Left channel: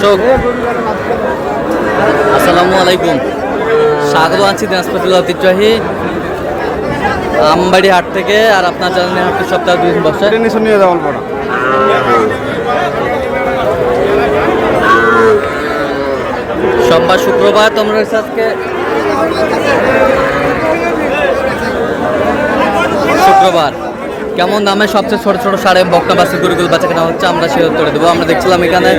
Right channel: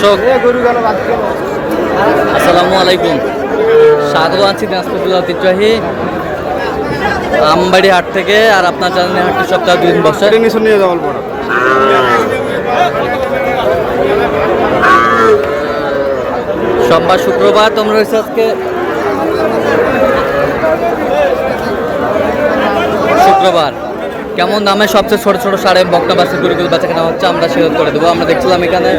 দর্শক আসসালামু আলাইকুম, স্বাগত আছি দিনাজপুর জেলা ঐতিহ্যবাহী আমবাড়ি হাট থেকে। আর আপনার জানেন হাটটি সপ্তাহে 2 দিন বসে। সোমবার শুক্রবার তোমরা হয়েছে আজকে শুক্রবার। কেমন দামে সবচেয়ে ছোট ছোট সাড়ে বকনা বাচ্চা গরুগুলো বাচ্চা কেনা হচ্ছে আমরা শেয়ার করে দেবো। আমরা দেখছিলাম এখানে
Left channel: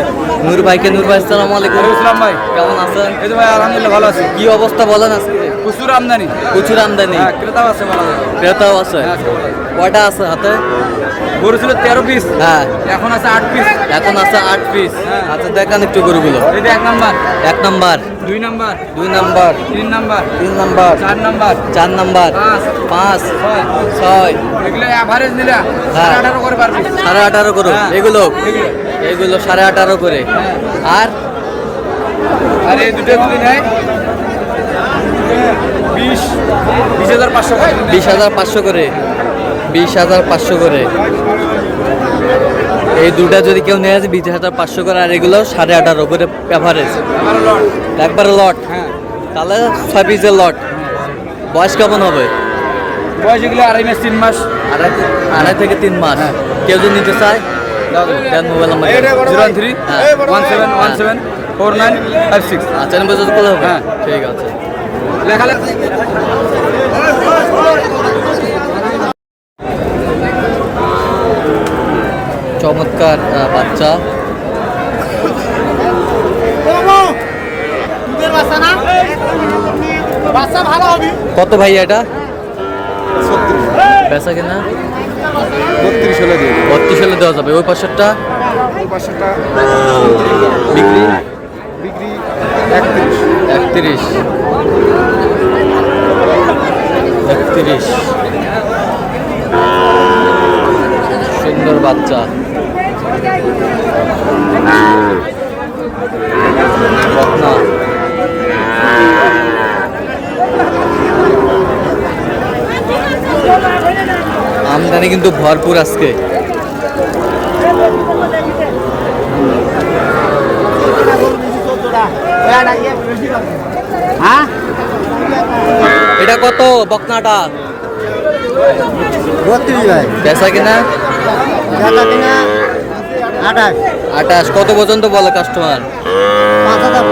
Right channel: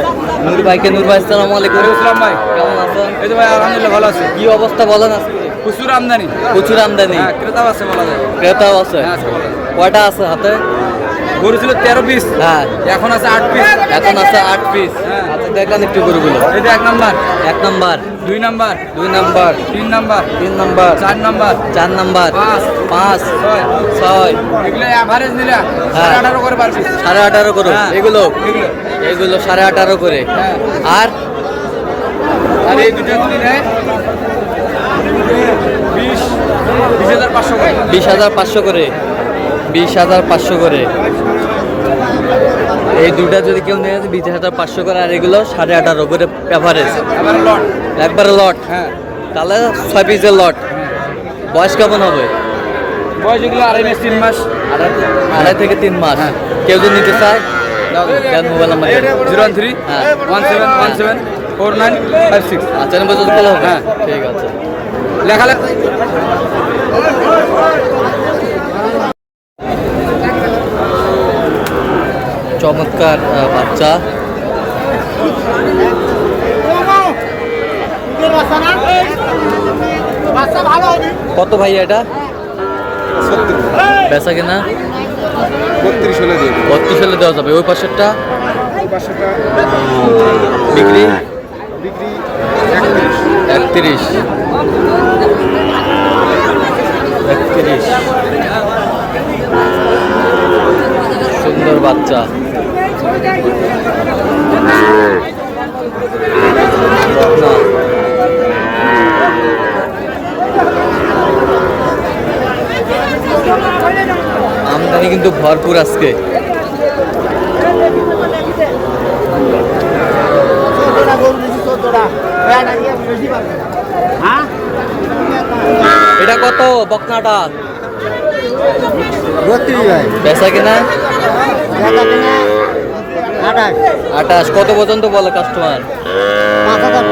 নূর ভাইকে। নূর ভাই আসসালামু আলাইকুম। ভাই কেমন আছেন? এই তো ভাই আলহামদুলিল্লাহ ভালো আছি। কি অবস্থা বলেন আজকে? প্রচুর আমদানি। প্রচুর আমদানি, ক্রেতাও আছে বলা যায়। ক্রেতাও আছে। হ্যাঁ আজকে বলা যায়। কয়টা আছে হাতে? গরু ছিল 13 পিস, হ্যাঁ এখন আছে 8 পিস। এখন আছে 8 পিস। হ্যাঁ। আচ্ছা দেখান একটু গরুগুলো। এটা 1 number, 1 number, 2 number, 2 number, 3 number, 3 number, 4 number, 4 number, 5, 5, 6। 6। এগুলো এভারেজ নিলে হ্যাঁ। 18 করে পার পিস। 18.5 করে হ্যাঁ। এগুলো এগুলো। এগুলো 18.5 করে। হ্যাঁ। আর আর এই দুটো যদি নেয় 20,500 করে। 20,500 করে, 20,500 করে। এই দুটা যদি কেউ নিয়ে আসে 20,500 করে। আর এগুলো 18.5 করে এভারেজ, আবার লট। একবারে লট। হ্যাঁ। তাহলে 6 পিসের লট। বয়স কেমন হবে? বয়স এগুলো 2.5 মাস 3 মাস। আড়াই থেকে 3 মাস। হ্যাঁ। কেউ যদি নিতে চায় দেন মোবাইল নাম্বার দেন। 013 হ্যাঁ। 1717 4956। আচ্ছা নম্বর যদি খোলা হবে। হ্যাঁ। ঠিক আছে। লেখা লেখা চমৎকার বাচ্চা। কত ভাই এটা? বেচা কিনা 32 হলে দিয়ে 32 হলে দেওয়া যাবে। ওই পাশেরটা বিক্রি 31। সুন্দর বাচ্চা। বকনা। আমদানি কিন্তু ভরপুর আজকে। এটা কত বকনাটা? 32 ভাই। বেচা কিনা লেখা কিনা 28। 28। কত পর্যন্ত বলে কাস্টমার? 5,000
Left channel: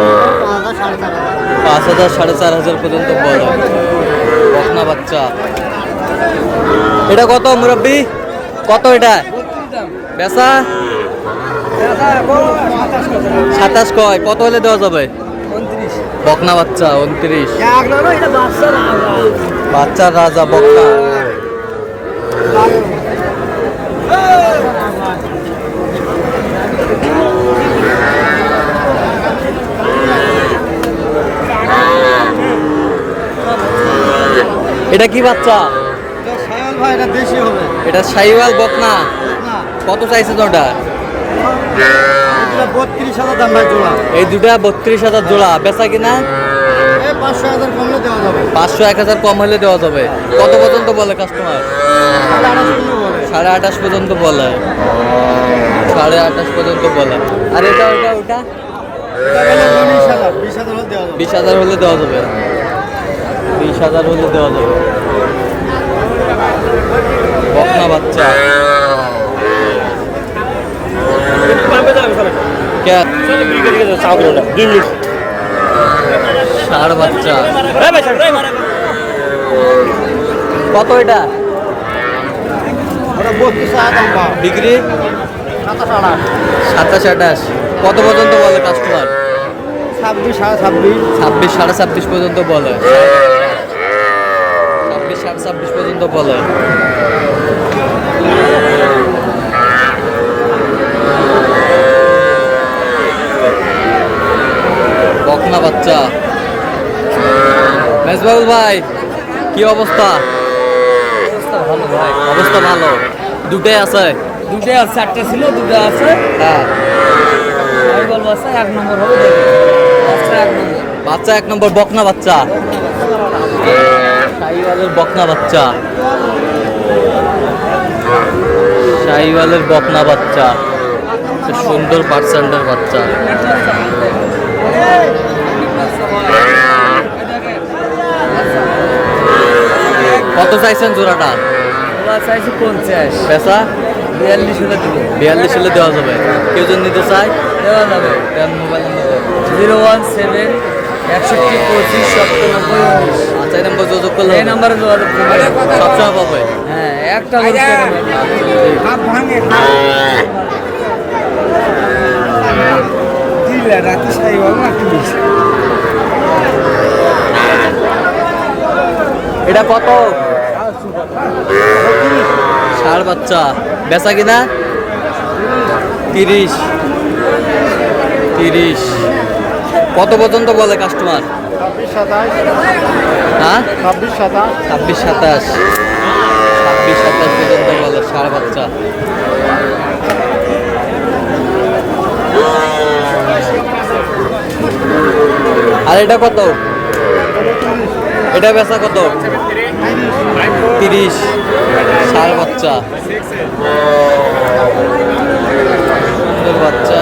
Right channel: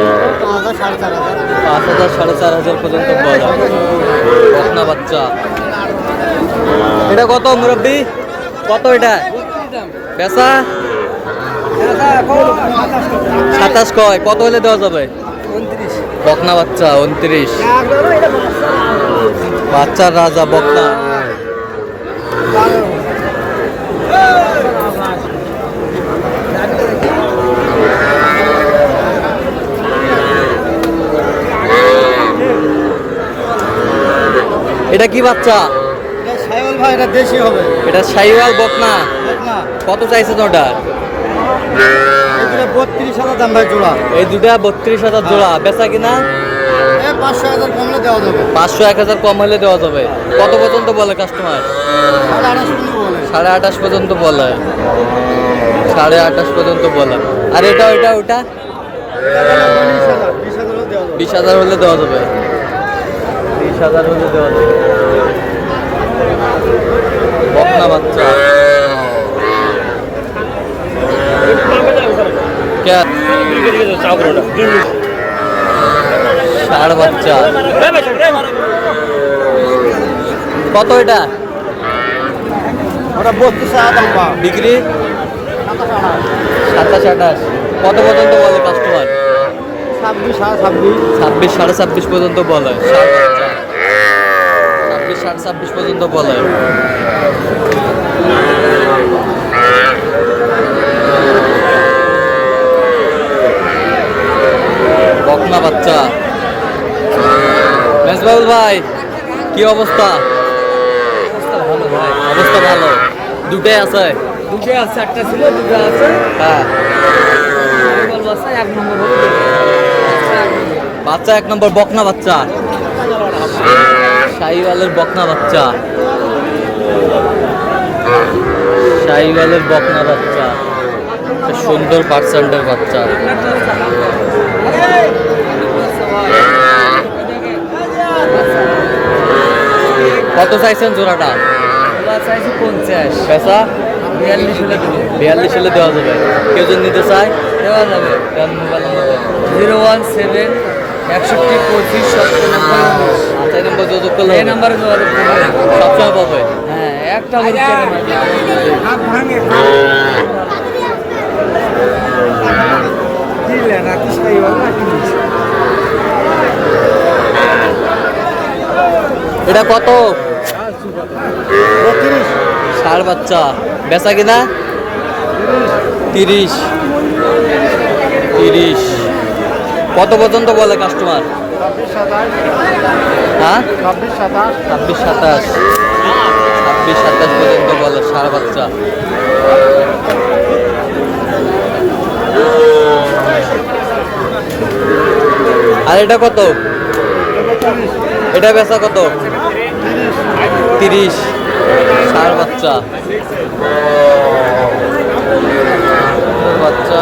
5,000 4,500 পর্যন্ত বলে। বকনা বাচ্চা। এটা কত মুরব্বি? কত এটা বেচা? 27 কয়। কত হলে দেওয়া যাবে? 29। বকনা বাচ্চা 29। বাচ্চার রাজা বকনা। এটা কি বাচ্চা? এটা শাহিওয়াল বকনা। কত চাইছে তো ওটা? 32,000 দাম ভাই জোড়া। এই দুটা 32,000 জোড়া। বেচা কিনা 500,000 কমলে দেওয়া যাবে। 500 1,000 কম হলে দেওয়া যাবে। কত পর্যন্ত বলে কাস্টমার? 28.5 পর্যন্ত বলে। 28.5 পর্যন্ত বলে। আর এটা এটা ওটা 20,000 হলে দেওয়া যাবে। 20,000 হলে দেওয়া যাবে। বকনা বাচ্চা। ষাঁড় বাচ্চা। কত এটা বিক্রি? 27 28। কত পর্যন্ত বলে কাস্টমার? 26 26.5। 26 26.5 পর্যন্ত বলে। 26 26.5 পর্যন্ত বলে। বকনা বাচ্চা। মেজবাউল ভাই কি অবস্থা? ভালো ভাই। অবস্থা ভালো। দুটাই আছে? দুটো আছে, একটা ছিল দুটো আছে। হ্যাঁ। আমি বলবো আছে 1 নম্বর হবে। বাচ্চা 1 নম্বর বকনা বাচ্চা। শাহিওয়ালের বকনা বাচ্চা। শাহিওয়ালের বকনা বাচ্চা। একটা সুন্দর পার্সেন্টের বাচ্চা। কত চাইছেন জোড়াটা? চাইছি 50, পেশা 42 হলে দেবো। 42 হলে দেওয়া যাবে। কেউ যদি নিতে চায় দেওয়া যাবে। Mobile number 017 61 25 97 19। আচ্ছা, এই নাম্বার যোগাযোগ করলে এই হবে? নাম্বারে যোগাযোগ করলে সবসময় পাবে। হ্যাঁ, একটা গরু কেটে নেবে। হাত ভাঙে এটা কত? ষাড় বাচ্চা, বেচা কিনা 30। কত পর্যন্ত বলে কাস্টমার? 26 27। হ্যাঁ, 26 27। 26 27 পর্যন্ত বলে ষাড় বাচ্চা। আর এটা কত? এটা বেচা কত? 30। ষাড় বাচ্চা, সুন্দর বাচ্চা।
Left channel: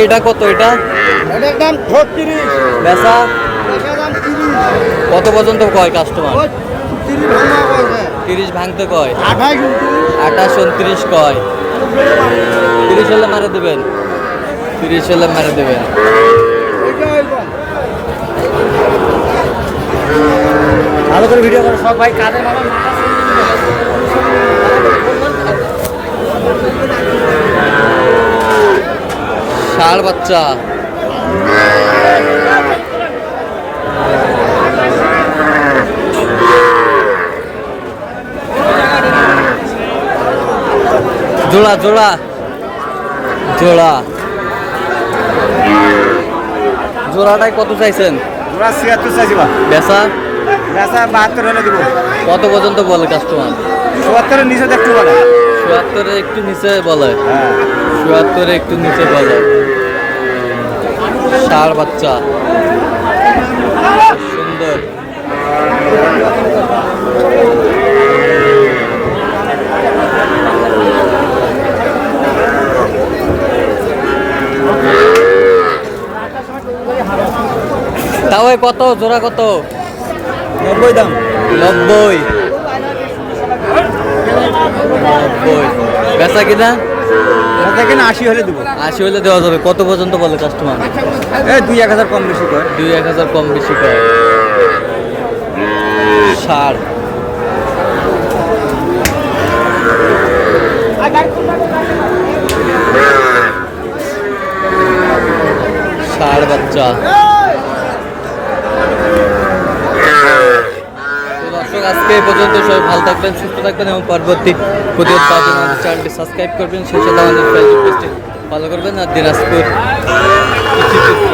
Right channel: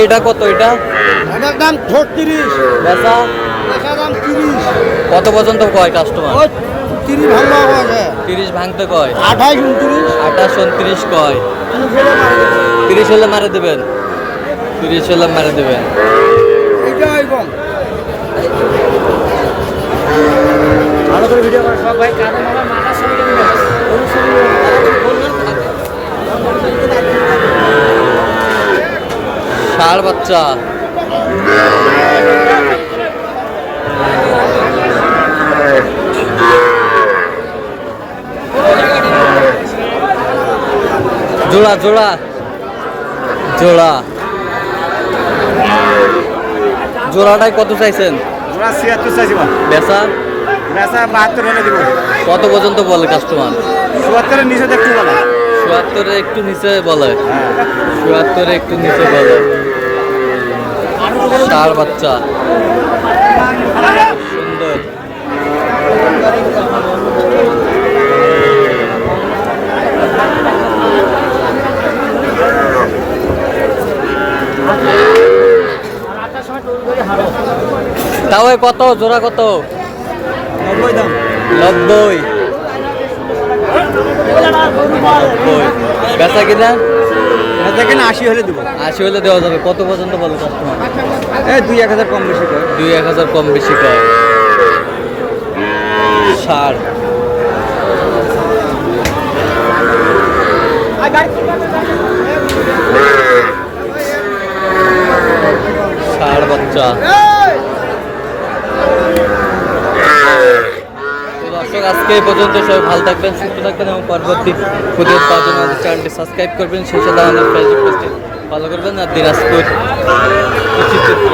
এটা কত? এটা এটার দাম 36। বেচা এটার দাম 30। কত পর্যন্ত কয় কাস্টমার? 30 ভাঙা হবে। 30 ভাঙতে কয়? 28 29। 28 29 কয়? 30 হলে মারে দেবেন। 30 হলে মারে দেবেন। এটা একদম ভালো করে ভিডিও করো সব ভাই। কাঁধে মারা মাথা সঙ্গে দিবে। ষাড় বাচ্চা, জোড়া জোড়া জোড়া জোড়াটাই কত চাইছেন? ওরা 76 চাইছি বা। বেচা বেচা 72 হলে দিব। কত পর্যন্ত বলে কাস্টমার? 74 এর নিচে একটু বলে। 74 একটু নিচে বলে। হ্যাঁ। 74 একটু নিচে বলে। ষাড় বাচ্চা, সুন্দর। তাও কত জোড়া? কত? 90 দাম। 90। বেচা কিনা? বেচা কিনা 80 হলে দিব। 80 হলে দেওয়া যাবে। কত পর্যন্ত বলে কাস্টমার? এই 2-1000 কম বেশি কয়। 2-1000 কম বেশি কয়। ষাড়, ষাড় বাচ্চা। তো দর্শক, আজকে এই পর্যন্ত। সবাই ভালো থাকবেন, সুস্থ থাকবেন এবং পরবর্তী প্রতিদিন পাওয়ার জন্য আমাদের চ্যানেলটি সাবস্ক্রাইব করবেন। সেই সাথে আমাদের ফেসবুক পেজটি ফলো করবেন। আর দিনাজপুর কৃষি চিত্র